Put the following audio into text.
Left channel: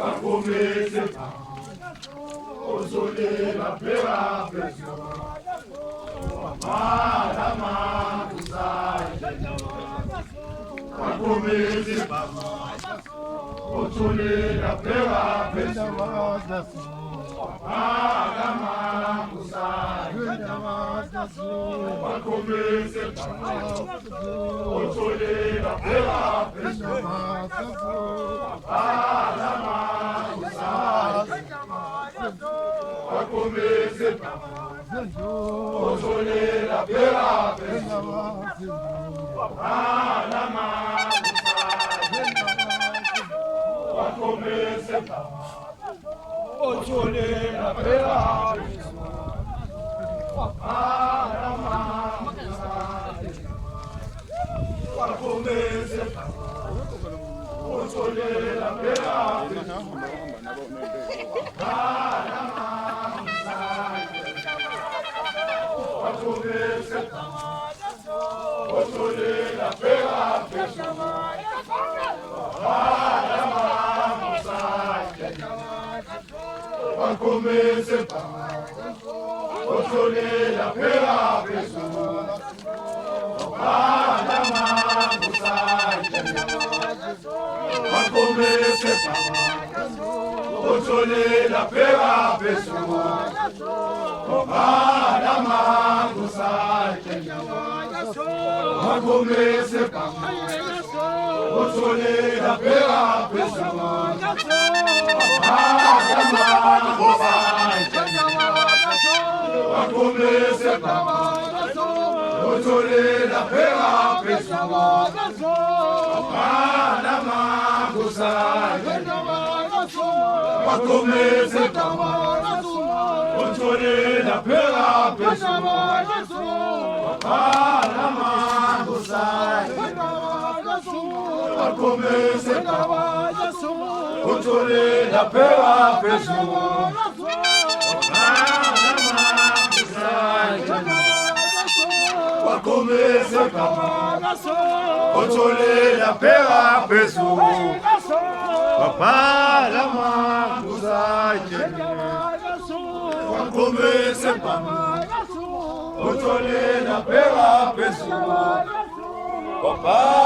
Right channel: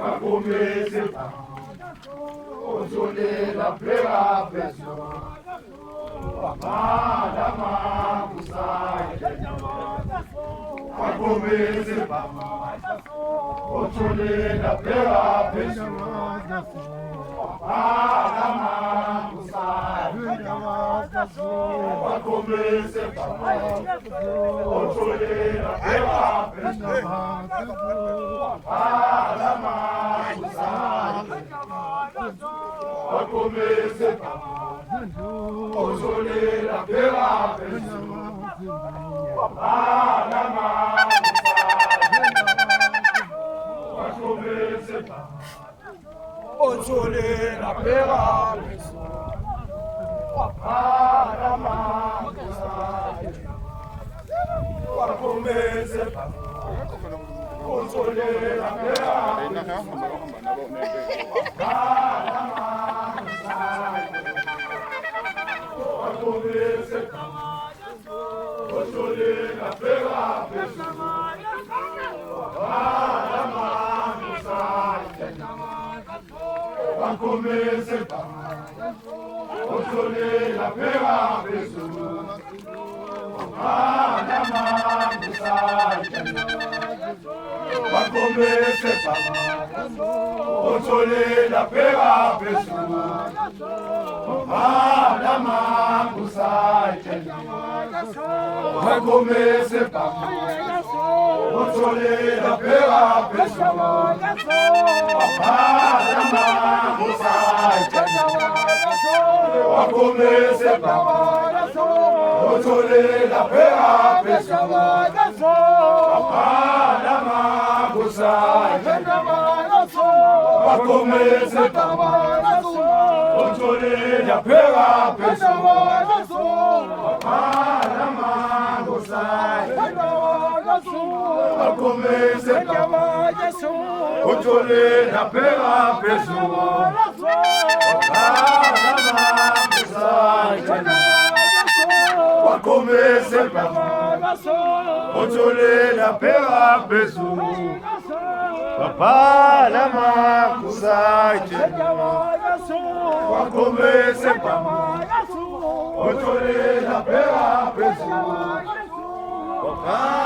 Wakomeze ozolela pela peso Mama makusai Wakomeze ozolela pela peso Mama makusai Wakomeze ozolela pela peso Wakomeze ozolela pela peso Wakomeze ozolela pela peso Wakomeze ozolela pela peso Wakomeze ozolela pela peso Wakomeze ozolela pela peso Wakomeze ozolela pela peso Wakomeze ozolela pela peso Wakomeze ozolela pela peso Wakomeze ozolela pela peso Wakomeze ozolela pela peso Wakomeze ozolela pela peso Papa la makusai Wakomeze ozolela pela peso Papa